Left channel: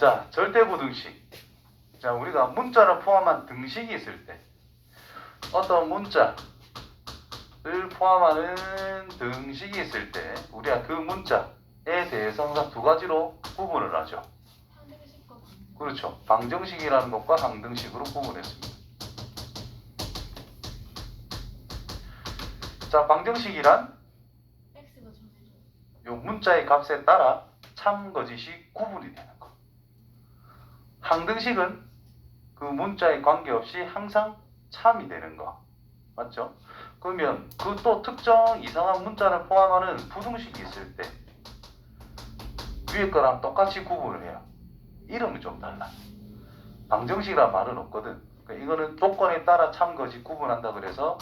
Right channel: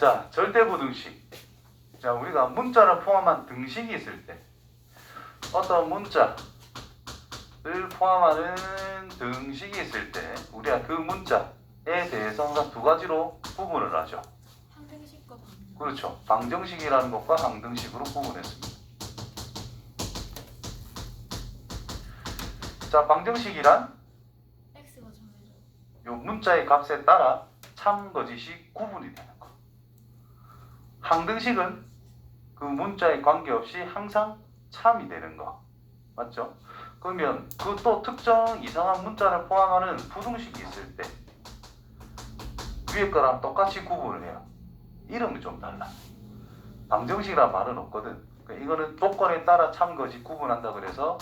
자, 절대부등식. 자, 우리가 문자를 포함한 등식이 있을 때 어떤 문자를 포함하는 등식이 있을 때 우리가 그 문자에 대해서 항상 두 가지로 구분을 하죠. 항등식과 방등식. 그렇죠. 방정식이라는 것과 항등식으로 구분했습니다. 자, 방정식이란 x가 정해져. 요 문자의 값에 따라 참, 거짓이 구분이 되는 거. 항등식은 그 문자에 관계없이 항상 참이 되는 거. 맞죠? 그러면 그 또 특정 이상한 문자를 포함하는 부등식이 있을 때 위에 거랑 똑같이 구분을 해요. 이름이 좀 달라. 방정식이란 말은 없거든. 그러니까 이거는 조건에 따라 참, 거짓 구분한다 그래서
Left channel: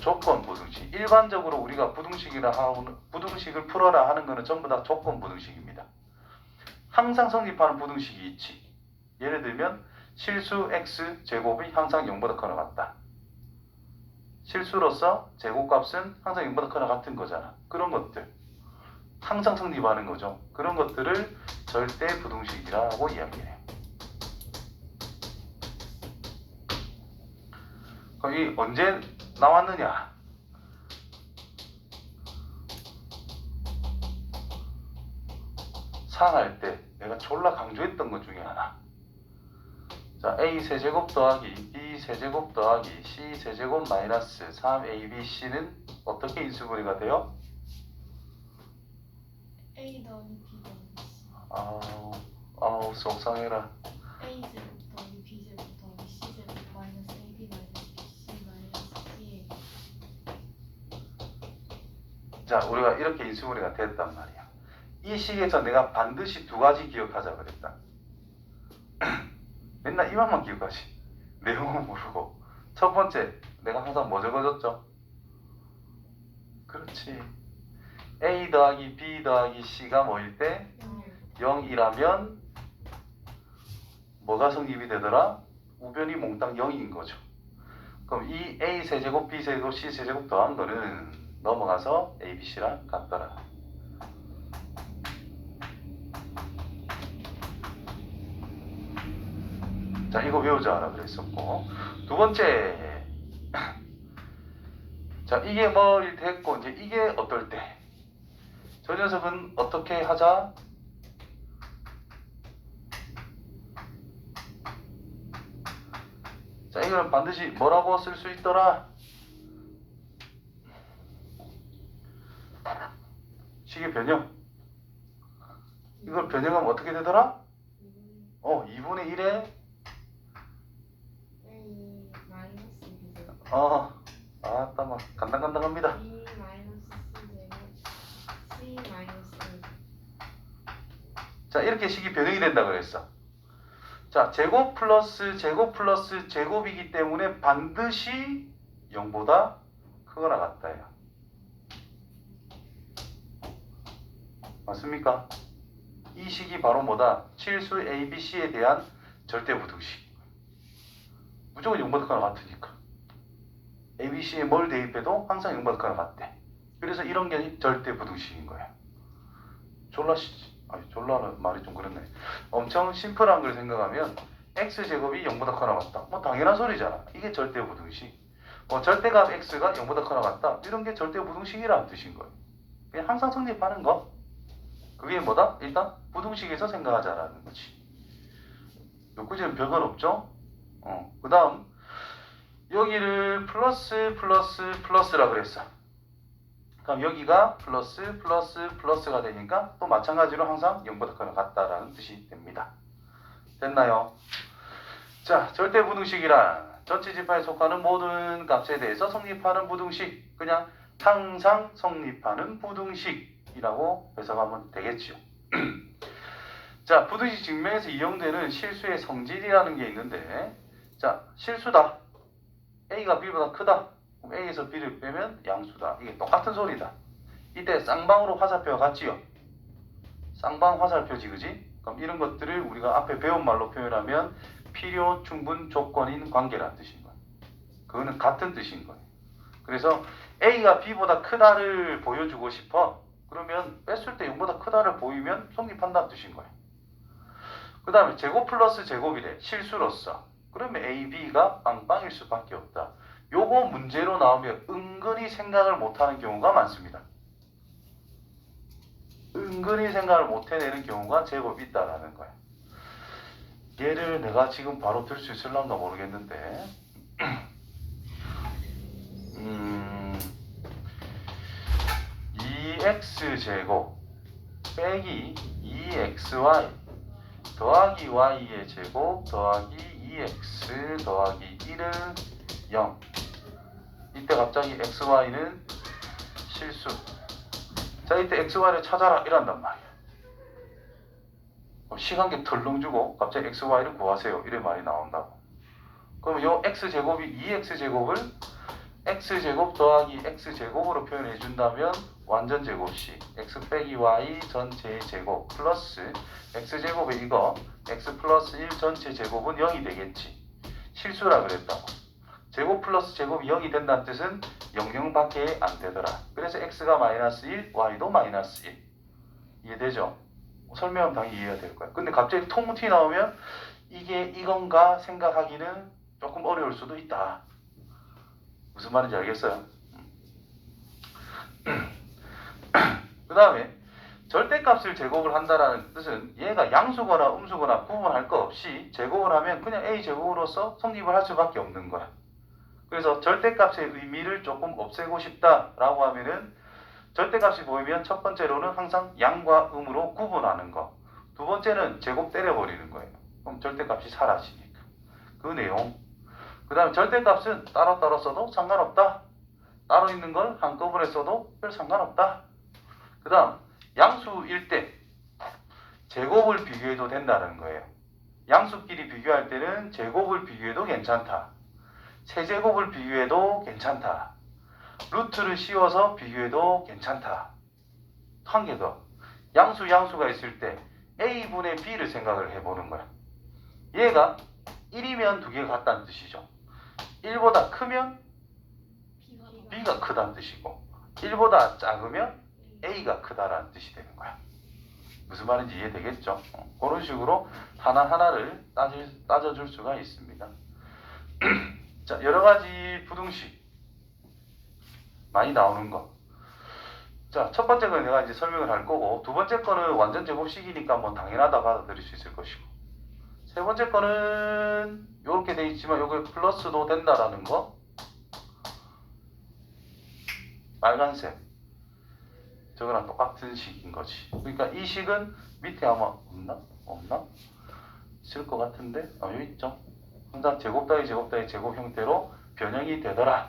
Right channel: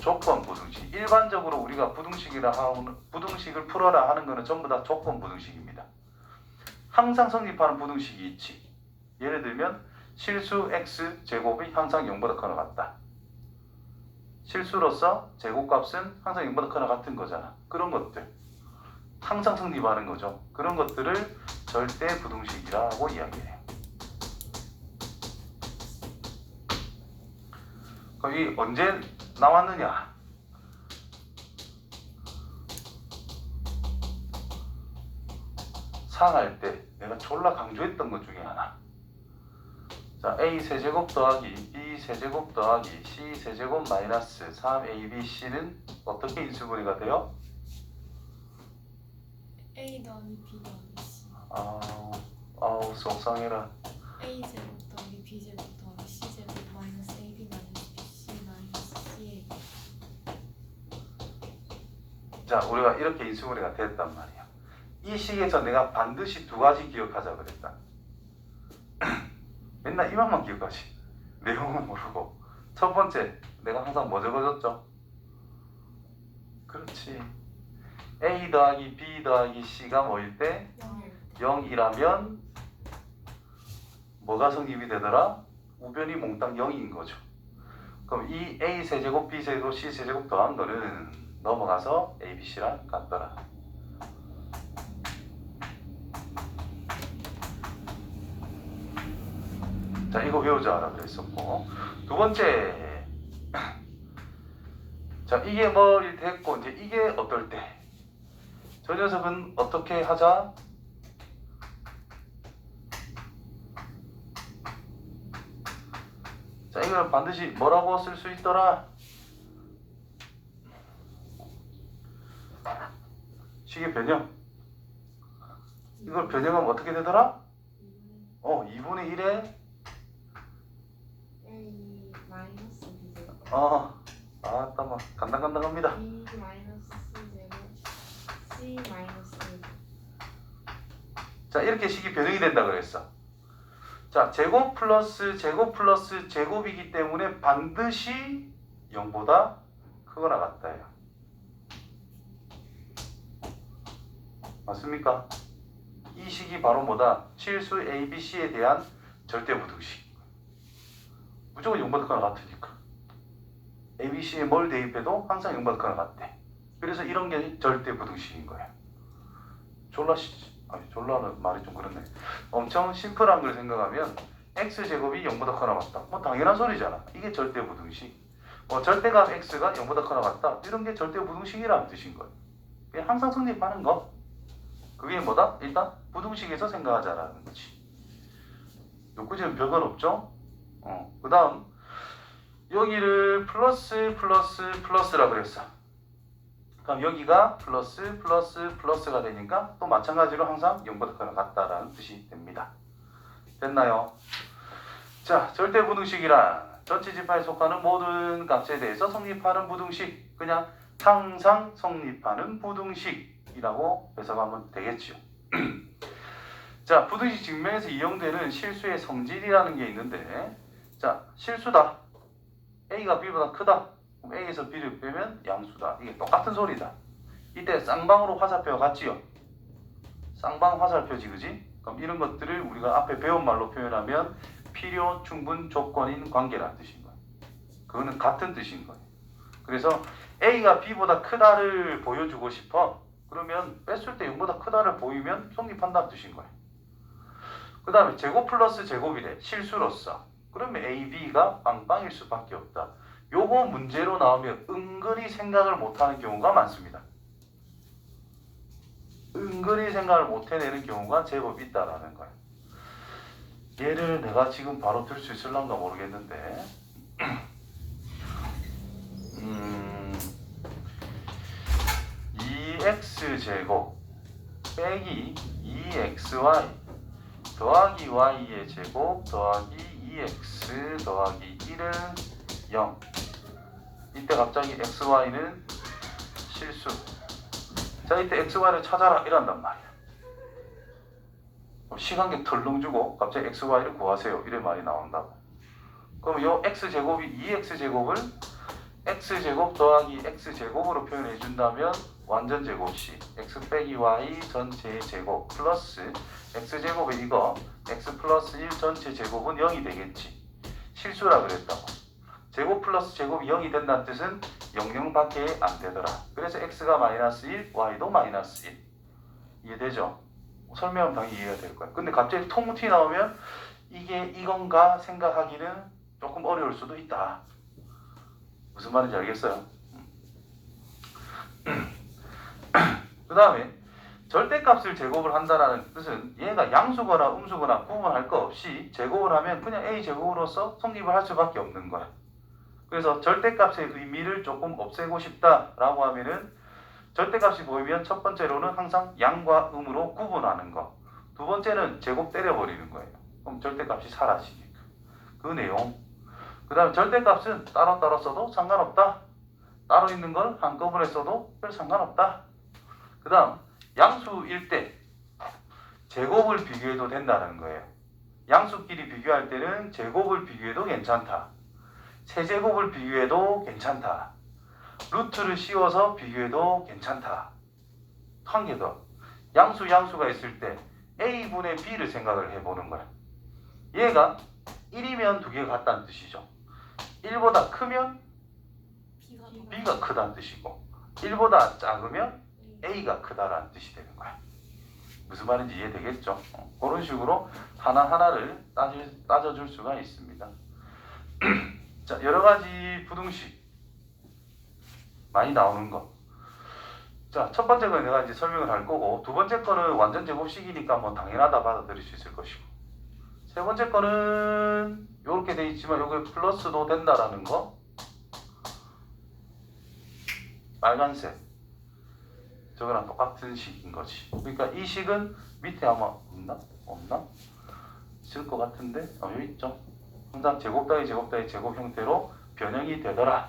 조건 부등식. 일반적으로 우리가 부등식이라 하는 부등식을 풀어라 하는 거는 전부 다 조건 부등식입니다. 항상 성립하는 부등식이 있지. 예를 들면 실수 x 제곱이 항상 0보다 크거나 같다. 실수로서 제곱값은 항상 0보다 크거나 같은 거잖아. 그런 것들 항상 성립하는 거죠. 그런 것들을 절대 부등식이라고 이야기해요. 그럼 이 언제 나왔느냐? 상할 때 내가 졸라 강조했던 것 중에 하나. 자, a 세제곱 더하기 b 세제곱 더하기 c 세제곱 마이너스 3abc는 어떻게 인수분해가 돼요? a 더하기 b 더하기 c. 아우 속상해라. a 제곱 더하기 b 제곱 더하기 c 제곱 마이너스 ab 마이너스 bc 마이너스 c. 자, 우리가 이렇게 인수분해가 됐단 말이야. 이 식에서 내가 반드시 두 가지 기억하자 그랬다. 맨날 이만만 기억하지. 내용은 모르고. 첫 번째, 내가 항상 뭐 적어줬죠? 그렇지. A 더하기 B 더하기 C가 뭐일 때? 0이라면 뭐가 성립이 되더라? 우변이 몽땅 0인 거죠. 그럼 이 A 세제곱, B 세제곱, C 세제곱 더한 거는 넘어가서 A, B, C랑 같더라. 자, 이거 외우자라고 그랬었고. 두 번째. 자, 이게 뭐일 때 했고, 이제 이게 어떨 때? 저 녀석은 어떻게 하자? 자, 이거는 반드시 뭐라고 쓸 수 있더라? 식의 변형. 이걸 변형하면 어떻게 되더라? 2분의 1에 A 마이너스 B 제곱 아따 뭐 간당간당합니다. B 마이너스 C 제곱 C 마이너스 A. 자, 이렇게 식이 변형이 된다 그랬어. 자, 제곱 플러스 제곱이기 때문에 반드시 0보다 크거나 같다요. 맞습니까? 이 식이 바로 뭐다? 실수 A, B, C에 대한 절대부등식. 무조건 0보다 크거나 같으니까. A, B, C에 뭘 대입해도 항상 0보다 크거나 같대. 그래서 이런 게 절대부등식인 거야. 졸라는 말이 좀 그렇네. 엄청 심플한 걸 생각하면 x제곱이 0보다 크거나 같다. 뭐 당연한 소리잖아. 이게 절대부등식. 절대값 x가 0보다 크거나 같다. 이런 게 절대부등식이라는 뜻인 거예요. 그냥 항상 성립하는 거. 그게 뭐다? 일단 부등식에서 생각하자라는 거지. 요구제는 별건 없죠? 그 다음 여기를 플러스라 그랬어. 그럼 여기가 플러스가 되니까 또 마찬가지로 항상 0보다 크거나 같다라는 뜻이 됩니다. 됐나요? 자, 절대부등식이란 전체 지파에 속하는 모든 값에 대해서 성립하는 부등식, 그냥 항상 성립하는 부등식이라고 해석하면 되겠죠. 자, 부등식 증명에서 이용되는 실수의 성질이라는 게 있는데, 자, 실수다. A가 B보다 크다. 그럼 A에서 B를 빼면 양수다. 이게 똑같은 소리다. 이때 쌍방으로 화살표가 같지요? 쌍방 화살표지, 그지? 그럼 이런 것들을 우리가 앞에 배운 말로 표현하면 필요, 충분, 조건인 관계라는 뜻인 거예요. 그거는 같은 뜻인 거예요. 그래서 A가 B보다 크다를 보여주고 싶어. 그러면 뺐을 때 0보다 크다를 보이면 성립한다는 뜻인 거예요. 그 다음에 제곱 플러스 제곱이래. 실수로서. 그러면 A, B가 빵빵일 수밖에 없다. 요거 문제로 나오면 은근히 생각을 못하는 경우가 많습니다. 은근히 생각을 못 해내는 경우가 제법 있다라는 거야. 얘를 내가 지금 바로 들 수 있을란가 모르겠는데 2x제곱 빼기 2xy 더하기 y의 제곱 더하기 2x 더하기 1은 0. 이때 갑자기 xy는 실수. 자, 이때 xy를 찾아라 이란단 말이야. 시간계 덜렁 주고 갑자기 xy를 구하세요 이런 말이 나온다고. 그럼 요 x제곱이 2x제곱을 x제곱 더하기 x제곱으로 표현해 준다면 완전 제곱식 x 빼기 y 전체의 제곱 플러스 x제곱에 이거 x 플러스 1 전체 제곱은 0이 되겠지. 실수라 그랬다고. 제곱 플러스 제곱이 0이 된다는 뜻은 00밖에 안 되더라. 그래서 x가 마이너스 1, y도 마이너스 1. 이해되죠? 설명하면 당연히 이해가 될 거야. 근데 갑자기 통무티 나오면 이게 이건가 생각하기는 조금 어려울 수도 있다. 무슨 말인지 알겠어요? 그 다음에 절대값을 제곱을 한다는 뜻은 얘가 양수거나 음수거나 구분할 거 없이 제곱을 하면 그냥 a제곱으로서 성립을 할 수밖에 없는 거야. 그래서 절대값의 의미를 조금 없애고 싶다라고 하면은 절대값이 보이면 첫 번째로는 항상 양과 음으로 구분하는 거. 두 번째는 제곱 때려버리는 거예요. 그럼 절대값이 사라지니까. 그 내용. 그 다음에 절대값은 따로따로 써도 상관없다. 따로 있는 걸 한꺼번에 써도 별 상관없다. 그 다음 양수일 때 제곱을 비교해도 된다는 거예요. 양수끼리 비교할 때는 제곱을 비교해도 괜찮다. 세제곱을 비교해도 괜찮다. 루트를 씌워서 비교해도 괜찮다. 한 개 더. 양수가 있을 때 A분의 B를 생각을 해보는 거야. 얘가 1이면 두 개가 같다는 뜻이죠. 1보다 크면 B가 크다는 뜻이고 1보다 작으면 A가 크다라는 뜻이 되는 거야. 무슨 말인지 이해되겠죠? 그런 식으로 하나하나를 따져줄 수가 있습니다. 자, 여러 가지 부등식 많이 나오는 거. 자, 첫 번째 거는 내가 이제 설명을 할 거고, 두 번째 거는 완전 제곱식이니까 뭐 당연하다 받아들일 수 있을 것이고, 세 번째 거는 이렇게 돼 있지만 여기 플러스도 된다라는 거. 빨간색. 저거랑 똑같은 식인 거지. 그러니까 이 식은 밑에 아마 없나? 있을 것 같은데, 여기 있죠. 항상 제곱 따위 제곱 형태로 변형이 되더라.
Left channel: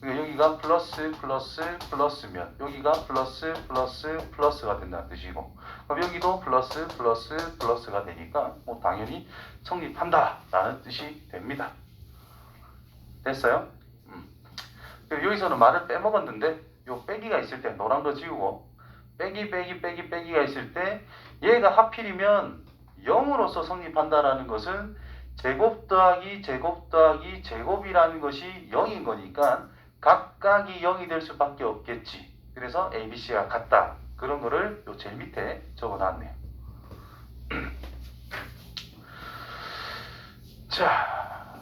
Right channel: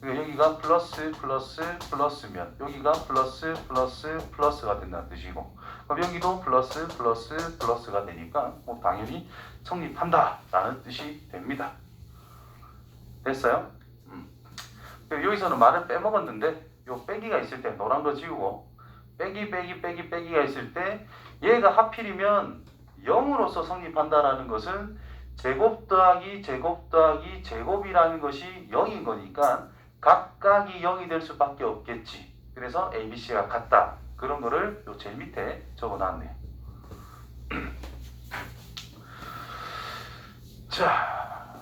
그러니까 여기가 플러스면 여기가 플러스가 된다는 뜻이고, 그럼 여기도 플러스가 되니까 뭐 당연히 성립한다라는 뜻이 됩니다. 됐어요? 그리고 여기서는 말을 빼먹었는데 요 빼기가 있을 때 노란 거 지우고 빼기가 있을 때 얘가 하필이면 0으로서 성립한다라는 것은 제곱 더하기 제곱이라는 것이 0인 거니까 각각이 0이 될 수밖에 없겠지. 그래서 A, B, C가 같다. 그런 거를 요 제일 밑에 적어놨네요. 자,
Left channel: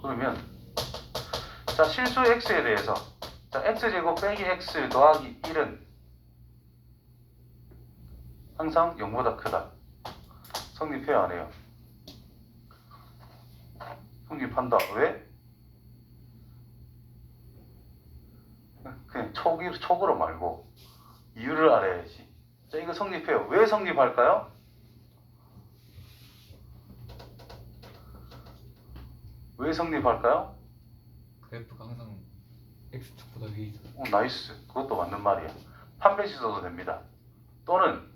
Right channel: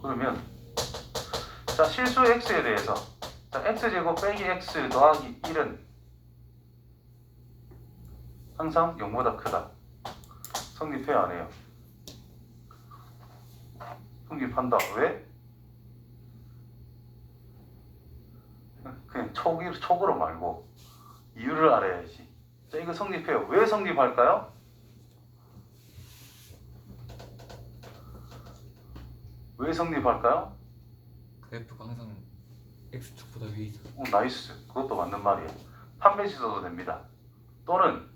그러면 자, 실수 x에 대해서 자, x제곱 빼기 x 더하기 1은 항상 0보다 크다. 성립해야 안 해요? 성립한다. 왜? 그냥 촉으로 말고 이유를 알아야지. 자, 이거 성립해요. 왜 성립할까요? 왜 성립할까요? 그래프가 항상 x축보다 위에 있어. 나이스. 그것도 맞는 말이에요. 판별식 써도 됩니다. 또는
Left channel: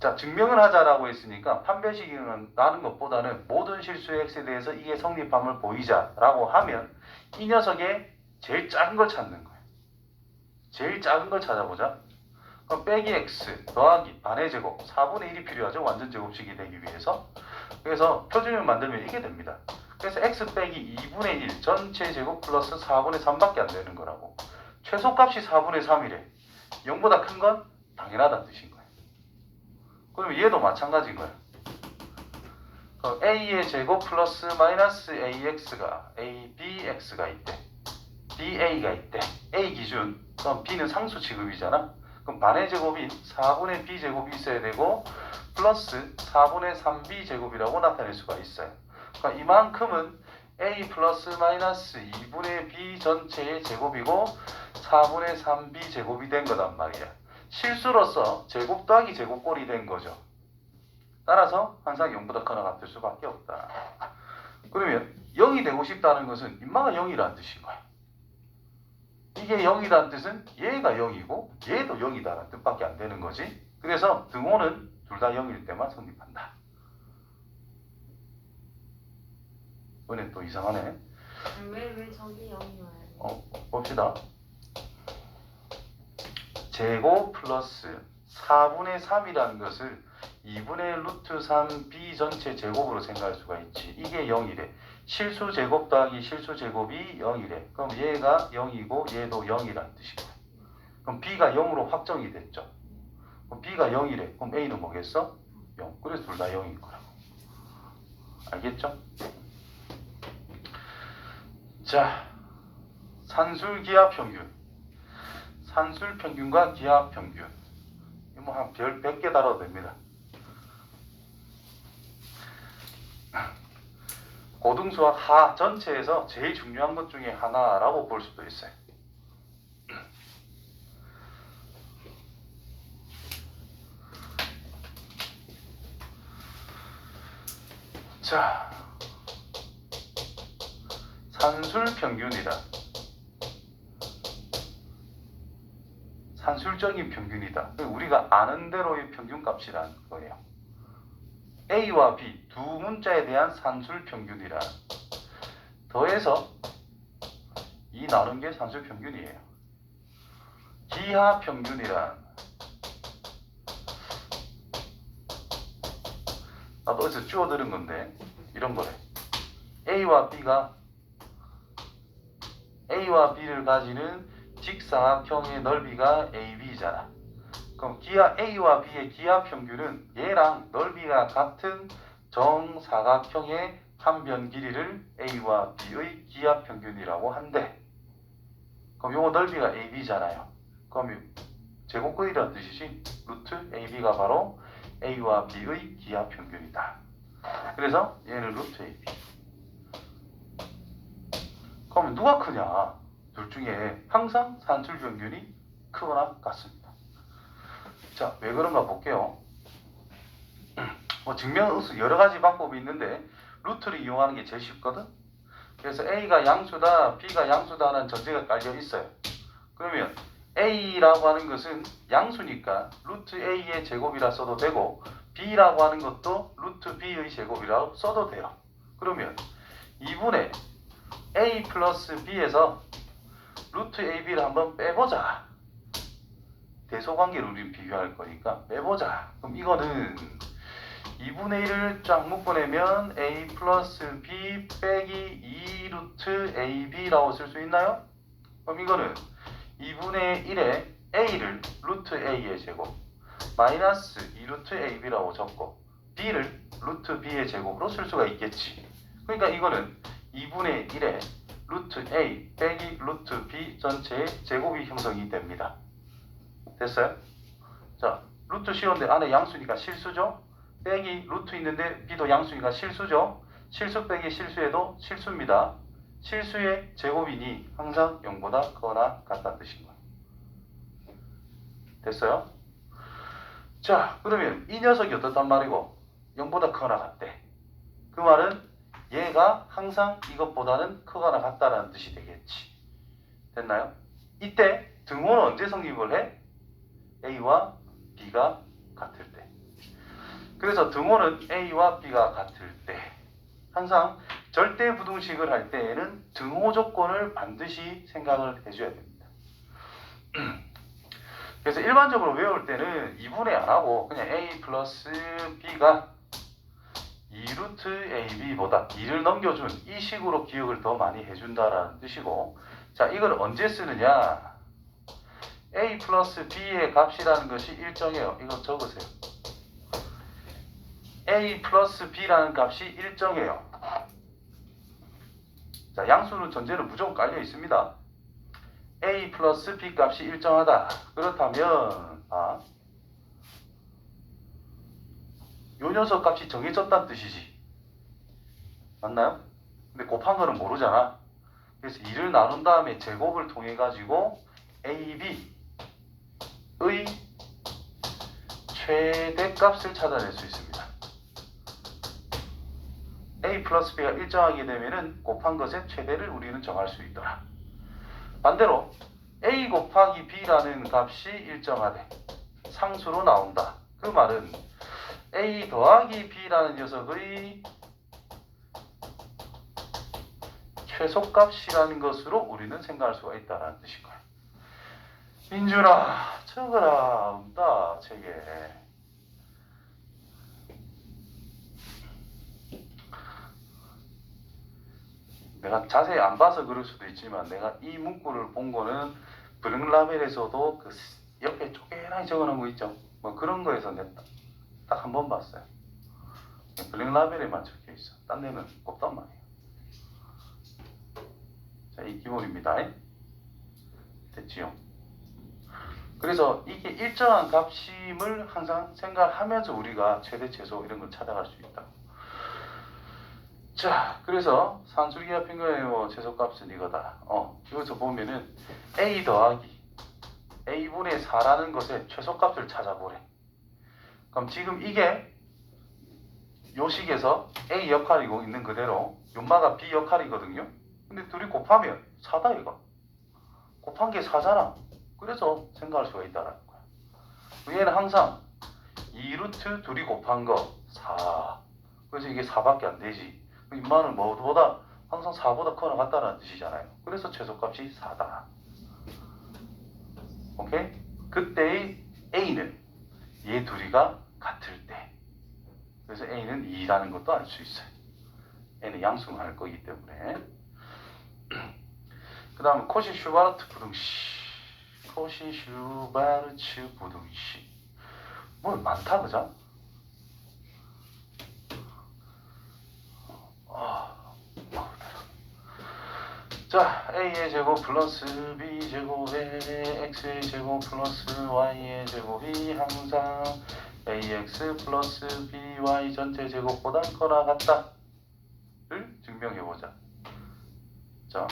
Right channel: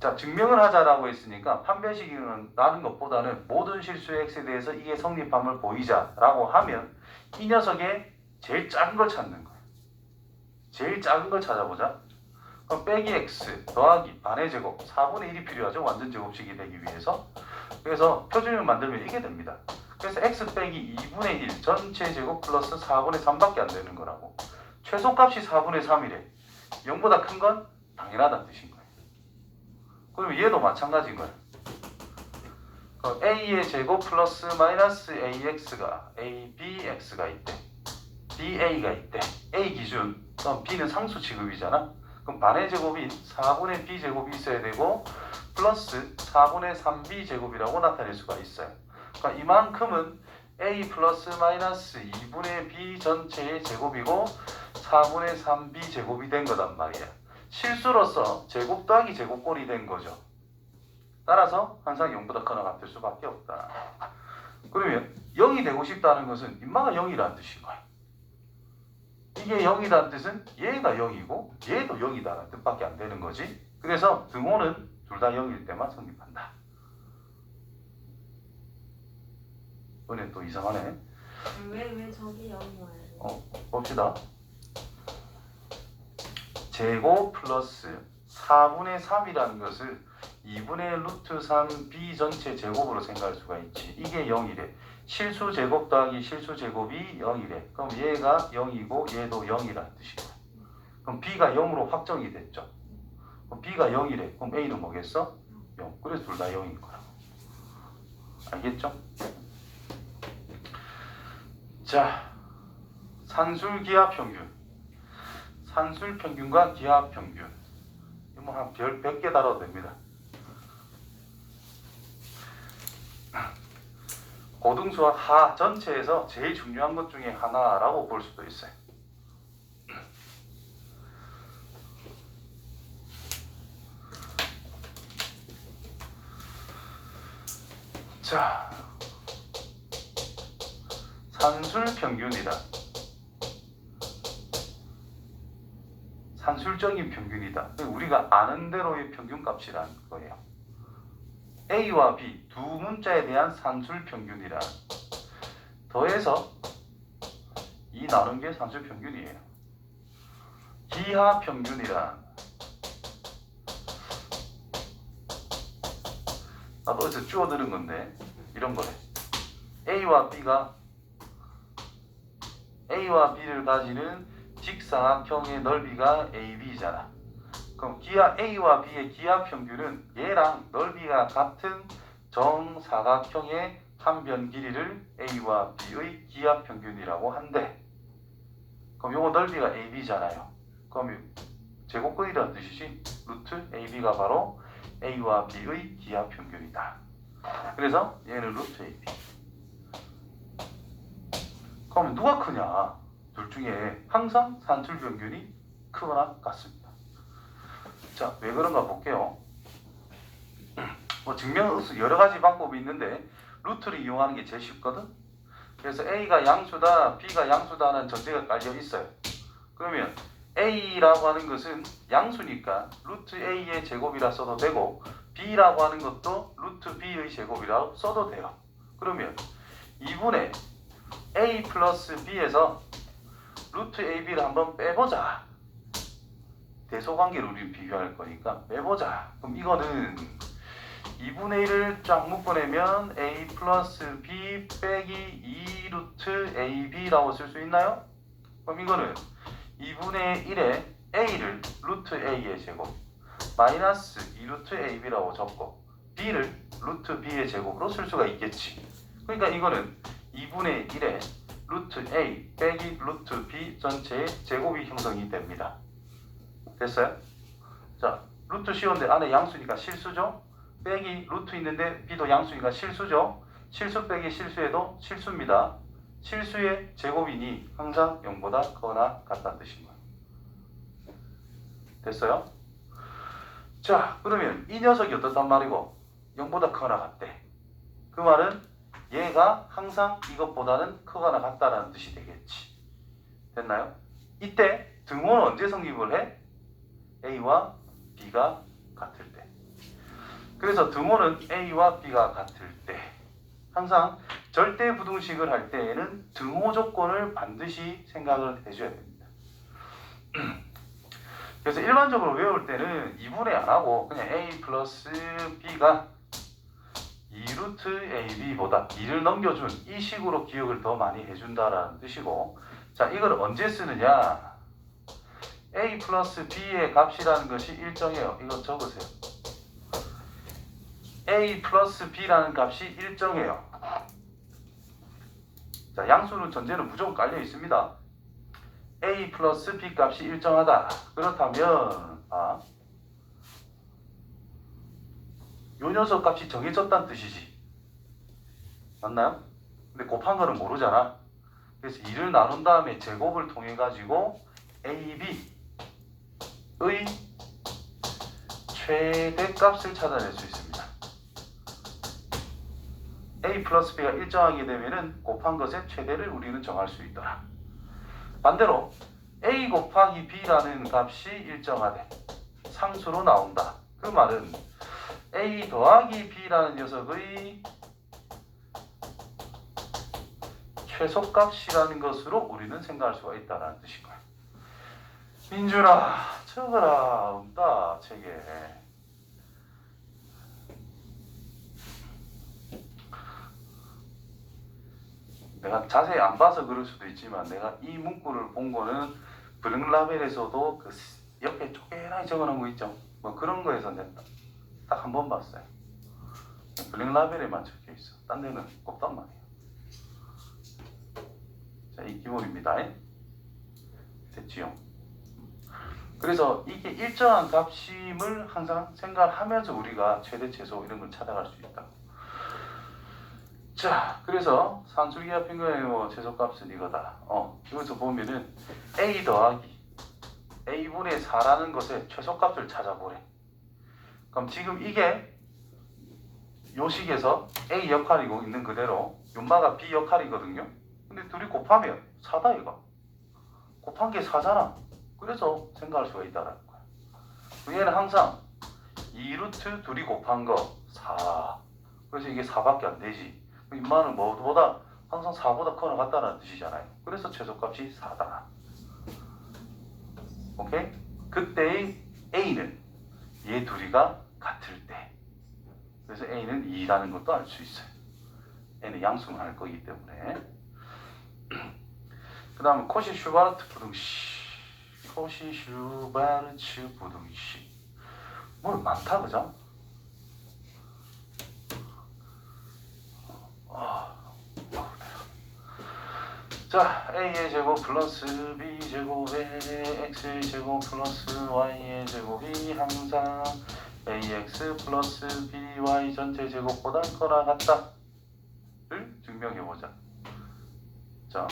자, 증명을 하자라고 했으니까 판별식이라는 것보다는 모든 실수의 x에 대해서 이게 성립함을 보이자라고 하면 이 녀석의 제일 작은 걸 찾는 거예요. 제일 작은 걸 찾아보자. 그럼 빼기 x 더하기 반의 제곱 4분의 1이 필요하죠. 완전 제곱식이 되기 위해서. 그래서 표준을 만들면 이게 됩니다. 그래서 x 빼기 2분의 1 전체 제곱 플러스 4분의 3밖에 안 되는 거라고. 최소값이 4분의 3이래. 0보다 큰 건 당연하다는 뜻인 거예요. 그럼 얘도 마찬가지인 거예요. 그럼 a의 제곱 플러스 마이너스 ax가 abx가 있대. ba가 있대. a 기준. 그럼 b는 상수 취급이잖아. 그럼 반의 제곱인 4분의 b 제곱이 있어야 되고 플러스 4분의 3b 제곱이라고 나타낼 수가 있어요. 그러니까 이만큼은 a 플러스 마이너스 2분의 b 전체의 제곱이고 4분의 3b 제곱이 된 거단 말이야. 실수로서 제곱 더하기 제곱꼴이 된 거죠. 따라서 항상 0보다 크거나 같을 수밖에 없다. 그러면 0이 되고 싶다는 것은 인마가 0이라는 뜻인 거야. 이게 0이라는 뜻은 얘가 0이고 얘도 0이다라는 뜻밖에 안 되는 거지. 그래서 등호는 둘 다 0일 때만 성립한다. 이번에 또 이상하네. 왜 저기 여기 와요? 봅시다. 제곱 플러스 4분의 3이라는 것을 2분의 루트 3b 전체 제곱으로 생각할 수가 있지. 이게 0이래. 실수 제곱 더하기 실수 제곱이 0이래. 그럼 얘가 0이고 얘도 0이라는 뜻이야. 그럼 b가 0으로 확정이 됐죠. 그럼 b가 0이래. 그럼 a는 뭐겠어? 0. 그래서 둘 다 0인 거라고. 알겠죠? 자, 산술 기하 평균. 산술 평균과 기하 평균. 뭐 한 별 100개 달아도 됩니다. 고등수학 하 전체에서 제일 중요한 것 중에 하나라고 볼 수도 있어요. 자, 산술 평균이다. 산술적인 평균이다. 우리가 아는 대로의 평균값이라는 거예요. A와 B 두 문자에 대한 산술 평균이라 더해서 이 나눈 게 산술 평균이에요. 기하 평균이란 나도 어디서 주워 들은 건데 이런 거래. A와 B를 가지는 직사각형의 넓이가 AB잖아. 그럼 기하 A와 B의 기하 평균은 얘랑 넓이가 같은 정사각형의 판변 길이를 A와 B의 기하 평균이라고 한대. 그럼 요거 넓이가 AB잖아요. 그럼 제곱근이라는 뜻이지. 루트 AB가 바로 A와 B의 기하 평균이다. 그래서 얘는 루트 AB. 그럼 누가 크냐? 둘 중에 항상 산술 평균이 크거나 같습니다. 자, 왜 그런가 볼게요. 뭐 증명 여러 가지 방법이 있는데 루트를 이용하는 게 제일 쉽거든. 그래서 A가 양수다, B가 양수다는 전제가 깔려 있어요. 그러면 A라고 하는 것은 양수니까 루트 A의 제곱이라 써도 되고 B라고 하는 것도 루트 B의 제곱이라고 써도 돼요. 그러면 2분의 A 플러스 B에서 루트 AB를 한번 빼보자. 대소관계를 우리 비교할 거니까 빼보자. 그럼 이거는 2분의 1을 쫙 묶어내면 A 플러스 B 빼기 2 루트 AB라고 쓸 수 있나요? 그럼 이거는 2분의 1에 A를 루트 A의 제곱 마이너스 2 루트 AB라고 적고 B를 루트 B의 제곱으로 쓸 수가 있겠지. 그러니까 이거는 2분의 1에 루트 A 빼기 루트 B 전체의 제곱이 형성이 됩니다. 됐어요? 자, 루트 씌웠는데 안에 양수니까 실수죠? 빼기 루트 있는데 B도 양수니까 실수죠? 실수 빼기 실수에도 실수입니다. 실수의 제곱이니 항상 0보다 크거나 같다는 뜻입니다. 됐어요? 자, 그러면 이 녀석이 어떻단 말이고 0보다 크거나 같대. 그 말은 얘가 항상 이것보다는 크거나 같다라는 뜻이 되겠지. 됐나요? 이때 등호는 언제 성립을 해? A와 B가 같을 때. 그래서 등호는 A와 B가 같을 때 항상 절대 부등식을 할 때에는 등호 조건을 반드시 생각을 해줘야 됩니다. 그래서 일반적으로 외울 때는 2분의 안 하고 그냥 A 플러스 B가 2루트 AB보다 2를 넘겨준 이 식으로 기억을 더 많이 해준다라는 뜻이고, 자, 이걸 언제 쓰느냐? A 플러스 B의 값이라는 것이 일정해요. 이거 적으세요. A 플러스 B라는 값이 일정해요. 자, 양수는 전제는 무조건 깔려 있습니다. A 플러스 B 값이 일정하다. 그렇다면 요 녀석 값이 정해졌다는 뜻이지. 맞나요? 근데 곱한 거는 모르잖아. 그래서 2를 나눈 다음에 제곱을 통해 가지고 A, B의 최대값을 찾아낼 수 있습니다. A 플러스 B가 일정하게 되면은 곱한 것의 최대를 우리는 정할 수 있더라. 반대로 A 곱하기 B라는 값이 일정하되 상수로 나온다. 그 말은 A 더하기 B라는 녀석의 최소값이라는 것으로 우리는 생각할 수가 있다는 뜻인 거예요. 민준아, 적어라. 온다, 책에. 내가 자세히 안 봐서 그럴 수도 있지만 내가 이 문구를 본 거는 브링라벨에서도 그 옆에 쪼개나게 적어놓은 거 있죠. 뭐 그런 거에서 내가 딱 한 번 봤어요. 브링라벨에만 적혀 있어. 딴 데는 없단 말이에요. 자, 이 기본입니다. 됐지요? 그래서 이게 일정한 값임을 항상 생각하면서 우리가 최대 최소 이런 걸 찾아갈 수 있다. 자, 그래서 산술기 합인 거의 뭐 최소값은 이거다. 여기서 보면은 A 더하기 A분의 4라는 것의 최소값을 찾아보래. 그럼 지금 이게 요 식에서 A 역할이고 있는 그대로 연마가 B 역할이거든요. 근데 둘이 곱하면 4다 이거. 곱한 게 4잖아. 그래서 생각할 수가 있다는 거야. 얘는 항상 2루트 둘이 곱한 거 4. 그래서 이게 4밖에 안 되지. 인마는 뭐보다 항상 4보다 커나 같다는 뜻이잖아요. 그래서 최소값이 4다. 오케이? 그때의 A는 얘 둘이가 같을 때. 그래서 A는 2라는 것도 알 수 있어요. N은 양수할 거기 때문에. 그 다음에 코시-슈바르트 부등식. 코시-슈바르츠 부등식. 뭐 많다, 그죠? 자, A의 제곱 플러스 B 제곱에 X의 제곱 플러스 Y의 제곱이 항상 AX 플러스 BY 전체 제곱보다 커나 같다를 증명해보자. 자,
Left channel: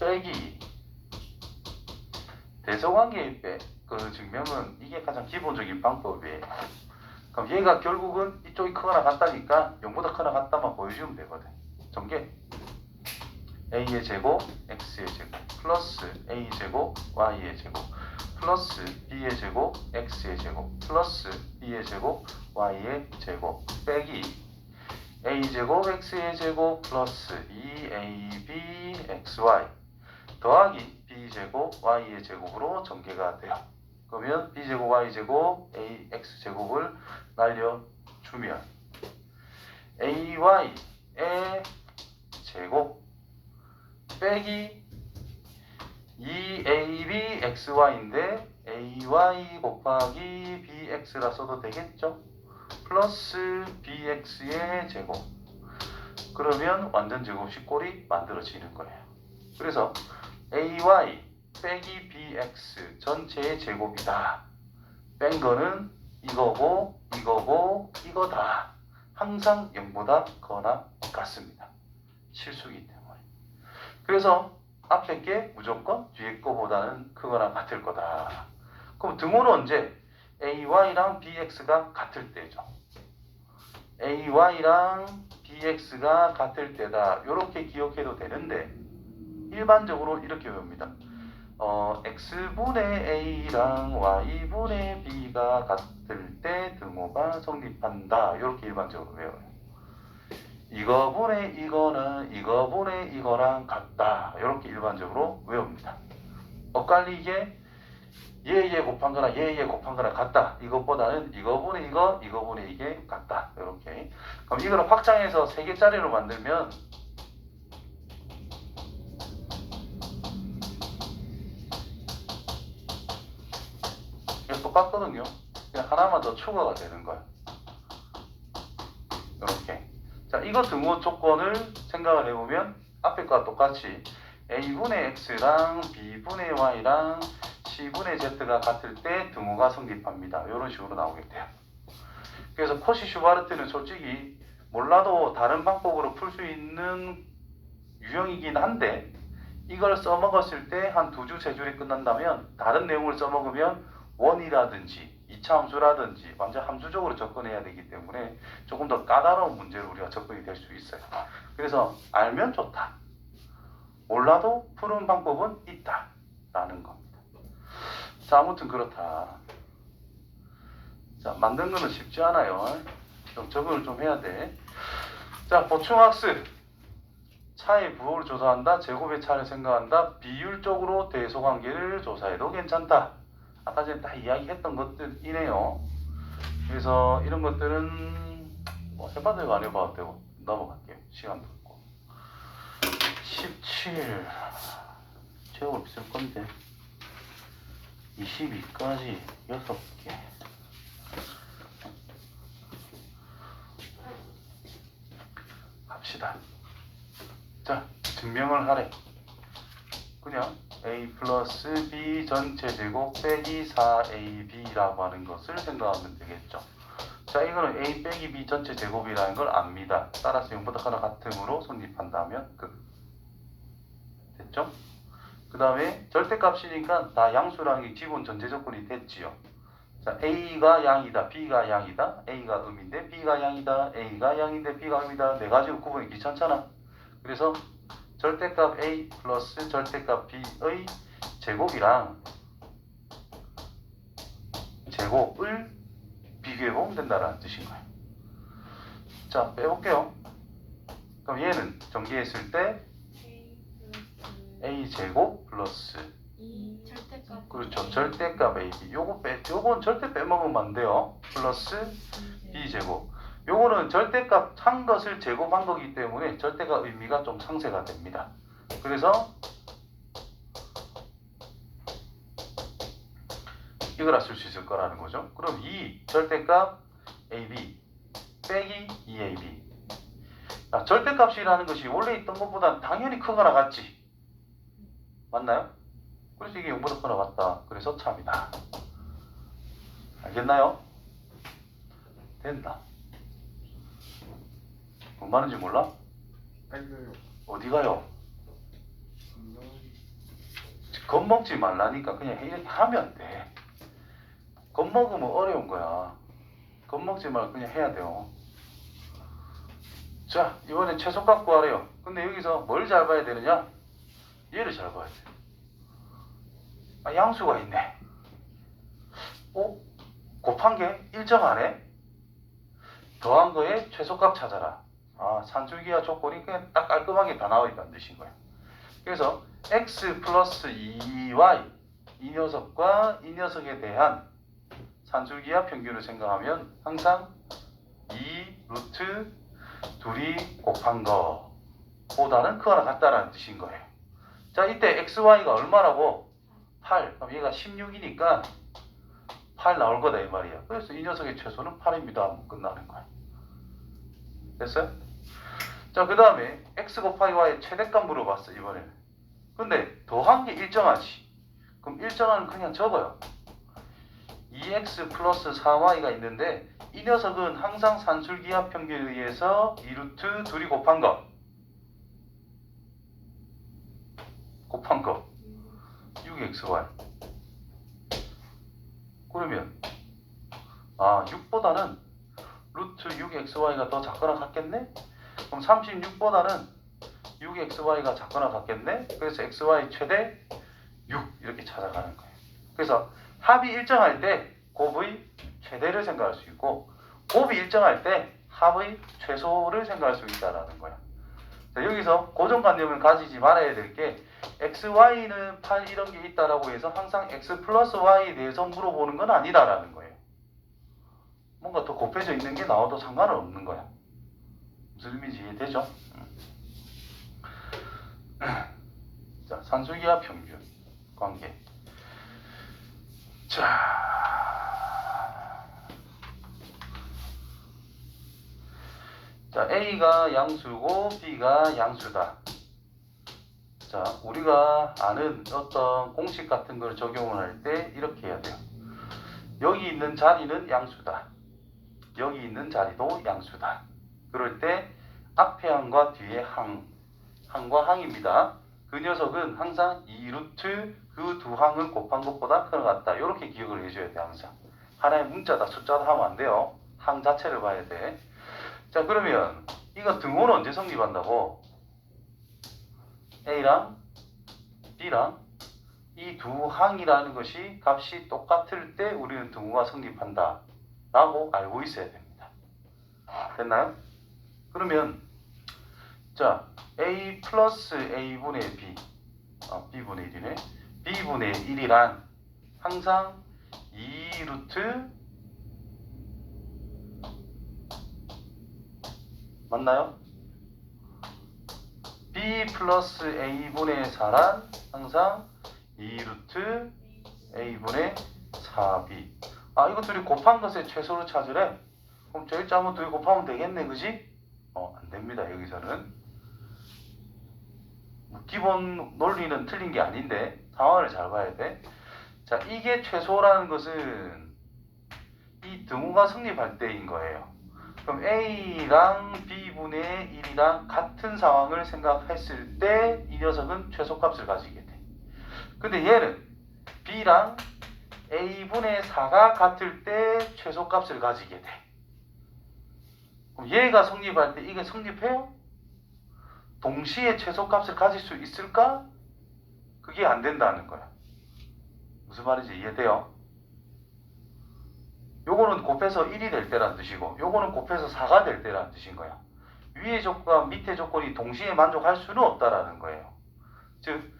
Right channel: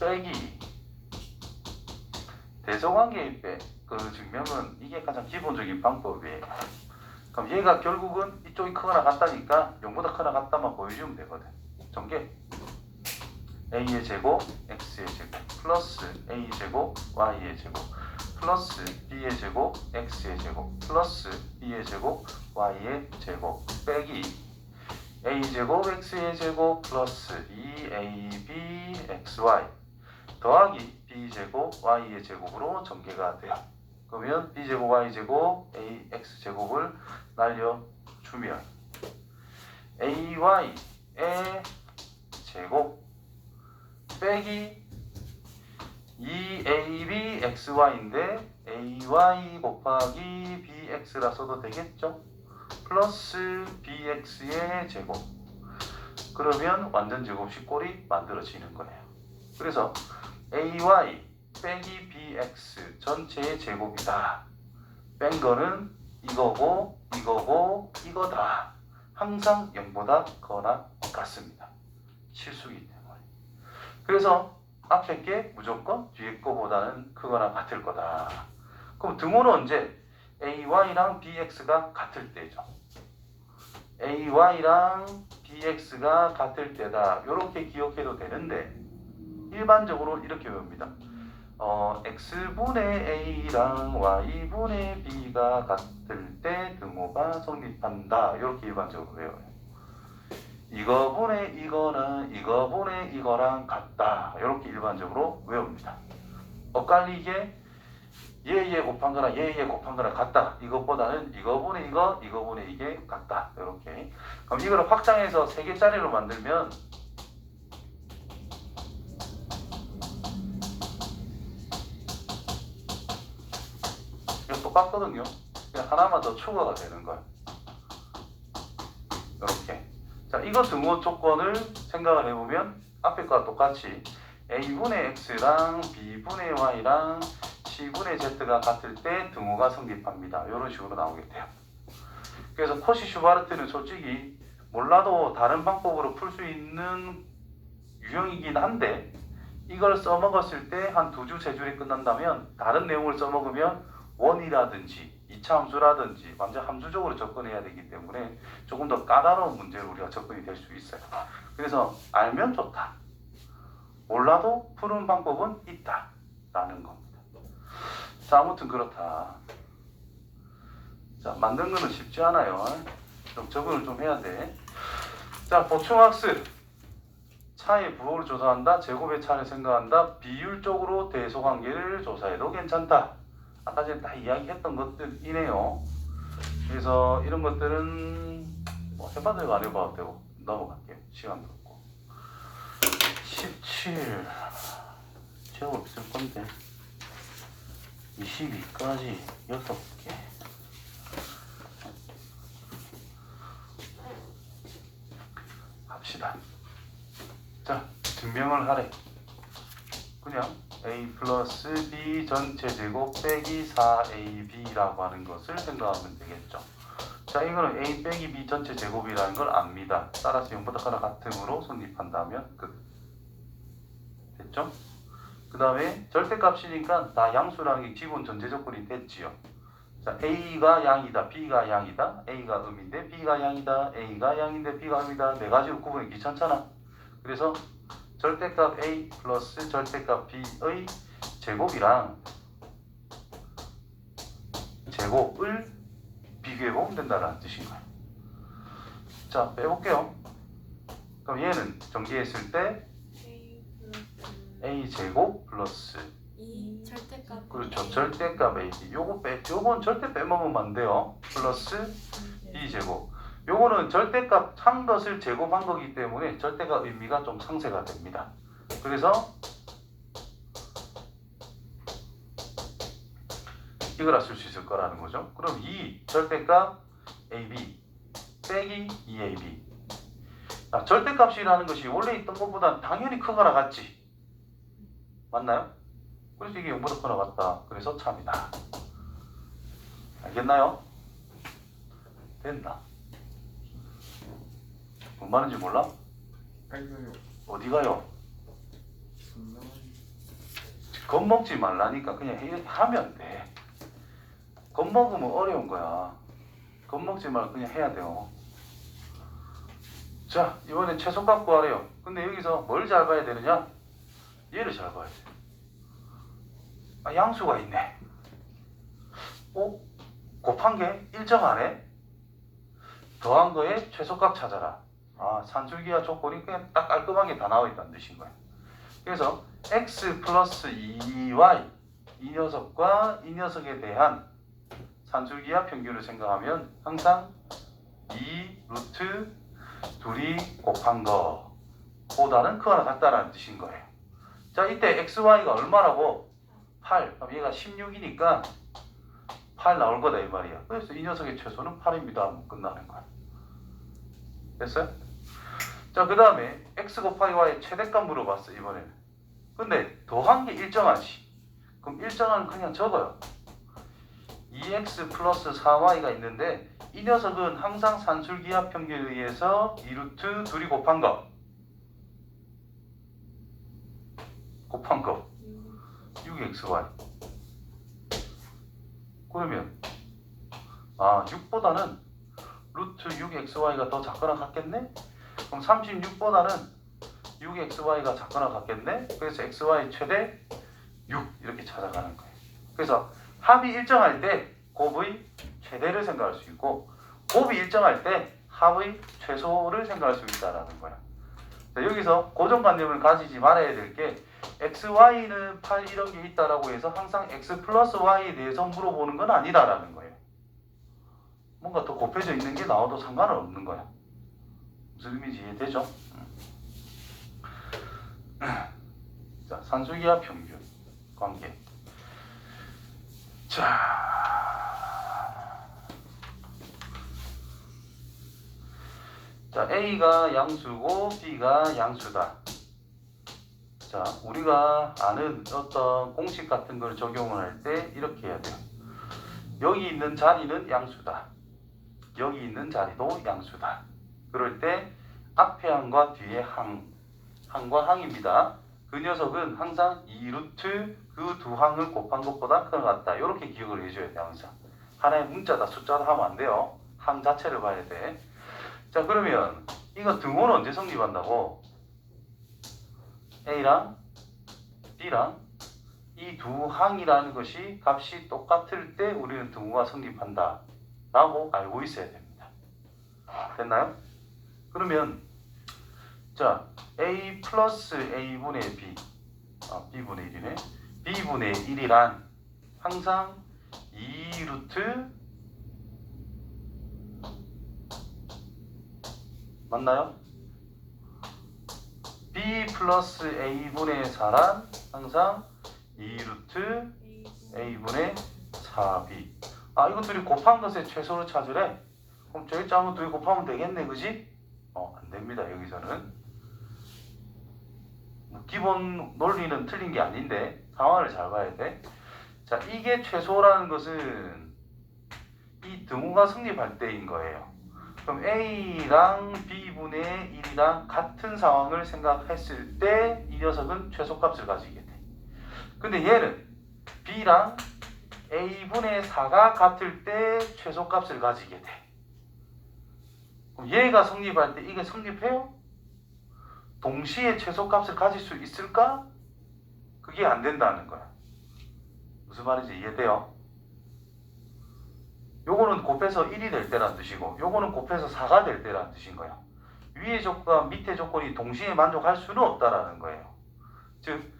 빼기 대소관계의 그 증명은 이게 가장 기본적인 방법이에요. 그럼 얘가 결국은 이쪽이 크거나 같다니까 0보다 크거나 같다만 보여주면 되거든. 전개 A의 제곱 X의 제곱 플러스 A 제곱 Y의 제곱 플러스 B의 제곱 X의 제곱 플러스 B의 제곱 Y의 제곱 빼기 A 제곱 X의 제곱 플러스 2AB XY 더하기 B제곱 Y의 제곱으로 전개가 돼요. 그러면 B제곱 Y제곱 AX제곱을 날려주면 AY의 제곱 빼기 2AB XY인데 AY 곱하기 BX라 써도 되겠죠? 플러스 BX의 제곱. 그러면 완전 제곱식 꼴이 만들어지는 거예요. 그래서 AY 빼기 BX 전체의 제곱이다. 뺀 거는 이거고 이거다. 항상 0보다 거나 같습니다. 실수기 때문에. 그래서 앞에 게 무조건 뒤에 거보다는 크거나 같을 거다. 그럼 등호는 언제? AY랑 BX가 같을 때죠. AY랑 BX가 같을 때다. 이렇게 기억해도 되는데 일반적으로 이렇게 외웁니다. X분의 A랑 Y분의 B가 같을 때 등호가 성립한다. 이렇게 일반적으로 외워요. 이거분의 이거랑 이거분의 이거랑 같다. 이렇게 일반적으로 외웁니다. 엇갈리게 얘 곱한 거나 얘 곱한 거나 같다. 이것보다는 이거분의 이거, 이거분의 이게 같다. 이렇게. 그럼 이거를 확장해서 3개짜리로 만들면 똑같거든요. 그냥 하나만 더 추가가 되는 거야. 이렇게. 자, 이거 등호 조건을 생각을 해보면 앞에 거와 똑같이 a분의 x랑 b분의 y랑 c분의 z가 같을 때 등호가 성립합니다. 이런 식으로 나오겠대요. 그래서 코시-슈바르트는 솔직히 몰라도 다른 방법으로 풀 수 있는 유형이긴 한데 이걸 써먹었을 때 한 2줄, 3줄이 끝난다면 다른 내용을 써먹으면 원이라든지 2차 함수라든지 완전 함수적으로 접근해야 되기 때문에 조금 더 까다로운 문제로 우리가 접근이 될 수 있어요. 그래서 알면 좋다. 몰라도 푸는 방법은 있다. 라는 겁니다. 자, 아무튼 그렇다. 자, 만든 거는 쉽지 않아요. 좀 적응을 좀 해야 돼. 자, 보충학습. 차의 부호를 조사한다. 제곱의 차를 생각한다. 비율적으로 대소관계를 조사해도 괜찮다. 아까 전에 다 이야기했던 것들이네요. 그래서 이런 것들은 뭐 해봐도 안 해봐도 되고 넘어갈게요. 시간도 없고. 17 제곱 있을 건데 22까지 6개. 갑시다. 자, 증명을 하래. 그냥 a 플러스 b 전체 제곱 빼기 4ab라고 하는 것을 생각하면 되겠죠. 자, 이거는 a 빼기 b 전체 제곱이라는 걸 압니다. 따라서 0보다 하나 같음으로 성립한다면 끝. 됐죠? 그 다음에 절대값이니까 다 양수랑이 기본 전제 조건이 됐지요. 자, a가 양이다, b가 양이다, a가 음인데 b가 양이다, a가 양인데 b가 음이다. 네 가지로 구분이 귀찮잖아. 그래서 절대값 a 플러스 절대값 b의 제곱이랑 제곱을 비교해보면 된다는 뜻인 거예요. 자, 빼볼게요. 그럼 얘는 전개했을 때 a 제곱 플러스 이 절대값. 그렇죠. 절대값 ab. 요건 절대 빼먹으면 안 돼요. 플러스 b 제곱. 요거는 절대값 한 것을 제곱한 거기 때문에 절대값 의미가 좀 상쇄가 됩니다. 그래서 이거라 쓸 수 있을 거라는 거죠. 그럼 이 절대값 ab 빼기 2ab. 아, 절대값이라는 것이 원래 있던 것보다 당연히 크거나 같지. 맞나요? 그래서 이게 0보다 크거나 같다. 그래서 참이다. 알겠나요? 됐나? 뭔 말인지 몰라? 알려요. 어디 가요? 겁먹지 말라니까 그냥 하면 돼. 겁먹으면 어려운 거야. 겁먹지 말고 그냥 해야 돼요. 자, 이번엔 최소값 구하래요. 근데 여기서 뭘 잘 봐야 되느냐? 얘를 잘 봐야 돼. 아, 양수가 있네. 곱한 게 일정하네? 더한 거에 최소값 찾아라. 아, 산술기하 조건이 그냥 딱 깔끔하게 다 나와 있다는 뜻인 거예요. 그래서 x 플러스 2y 이 녀석과 이 녀석에 대한 산술기하 평균을 생각하면 항상 2 루트 둘이 곱한 거 보다는 크거나 같다라는 뜻인 거예요. 자, 이때 xy가 얼마라고? 8. 그럼 얘가 16이니까 8 나올 거다 이 말이야. 그래서 이 녀석의 최소는 8입니다. 하면 끝나는 거야. 됐어요? 자, 그 다음에 x 곱하기 y의 최대값 물어봤어 이번에는. 근데 더한 게 일정하지. 그럼 일정한 그냥 적어요. 2x 플러스 4y가 있는데 이 녀석은 항상 산술기하 평균에 의해서 2루트 둘이 곱한 거 6xy. 그러면 6보다는 루트 6xy가 더 작거나 같겠네? 그럼 36보다는 6xy가 작거나 같겠네? 그래서 xy 최대 6 이렇게 찾아가는 거예요. 그래서 합이 일정할 때 곱의 최대를 생각할 수 있고 곱이 일정할 때 합의 최소를 생각할 수 있다는 거야. 자, 여기서 고정관념을 가지지 말아야 될 게 xy는 8 이런 게 있다라고 해서 항상 x 플러스 y에 대해서 물어보는 건 아니다라는 거예요. 뭔가 더 곱해져 있는 게 나와도 상관은 없는 거야. 무슨 의미인지 이해되죠? 자, 산술기하 평균 관계. 자, 자, A가 양수고 B가 양수다. 자, 우리가 아는 어떤 공식 같은 걸 적용을 할 때 이렇게 해야 돼요. 여기 있는 자리는 양수다. 여기 있는 자리도 양수다. 그럴 때 앞에 항과 뒤에 항과 항입니다. 그 녀석은 항상 2루트 그 두 항을 곱한 것보다 큰 것 같다. 이렇게 기억을 해줘야 돼. 항상 하나의 문자다 숫자다 하면 안 돼요. 항 자체를 봐야 돼. 자, 그러면 이거 등호는 언제 성립한다고? A랑 B랑 이 두 항이라는 것이 값이 똑같을 때 우리는 등호가 성립한다 라고 알고 있어야 됩니다. 됐나요? 그러면 자, A 플러스 A분의 B B분의 1이네. B분의 1이란 항상 2루트 맞나요? B 플러스 A분의 4란 항상 2루트 A분의 4B. 이거 둘이 곱한 것의 최소를 찾으래. 그럼 저 일자만 둘이 곱하면 되겠네, 그지? 안 됩니다, 여기서는. 기본 논리는 틀린 게 아닌데 상황을 잘 봐야 돼. 자, 이게 최소라는 것은 이 등호가 성립할 때인 거예요. 그럼 A랑 B분의 1이랑 같은 상황을 생각했을 때 이 녀석은 최소값을 가지게 돼. 근데 얘는 B랑 A분의 4가 같을 때 최소값을 가지게 돼. 그럼 얘가 성립할 때 이게 성립해요? 동시에 최소값을 가질 수 있을까? 그게 안 된다는 거야. 무슨 말인지 이해돼요? 요거는 곱해서 1이 될 때란 뜻이고 요거는 곱해서 4가 될 때란 뜻인 거야. 위의 조건과 밑의 조건이 동시에 만족할 수는 없다라는 거예요. 즉